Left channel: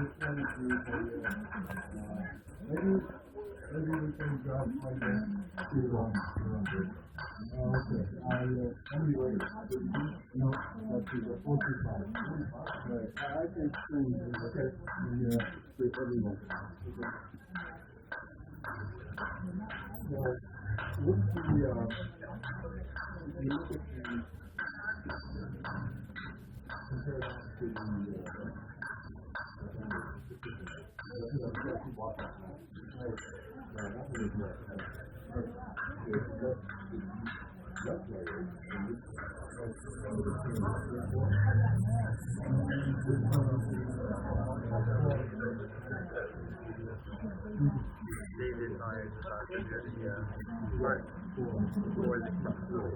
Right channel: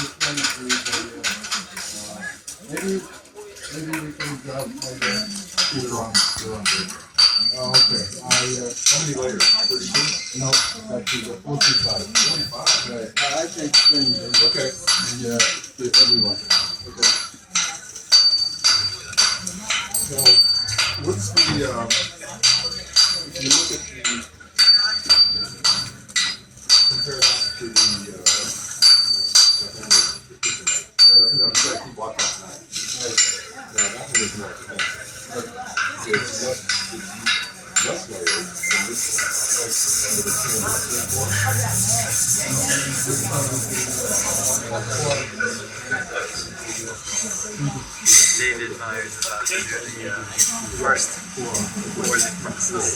Maybe we can grab like either on. Oh, okay. How many layers? 32? No, actually the 45. 45. Right. I take strings. Okay. Yeah, everyone. Okay. So, what's the if you look at the compare that to the keep watching that. Yeah, that one is not. It's less layered than this David Myers is about to do the first boarding process.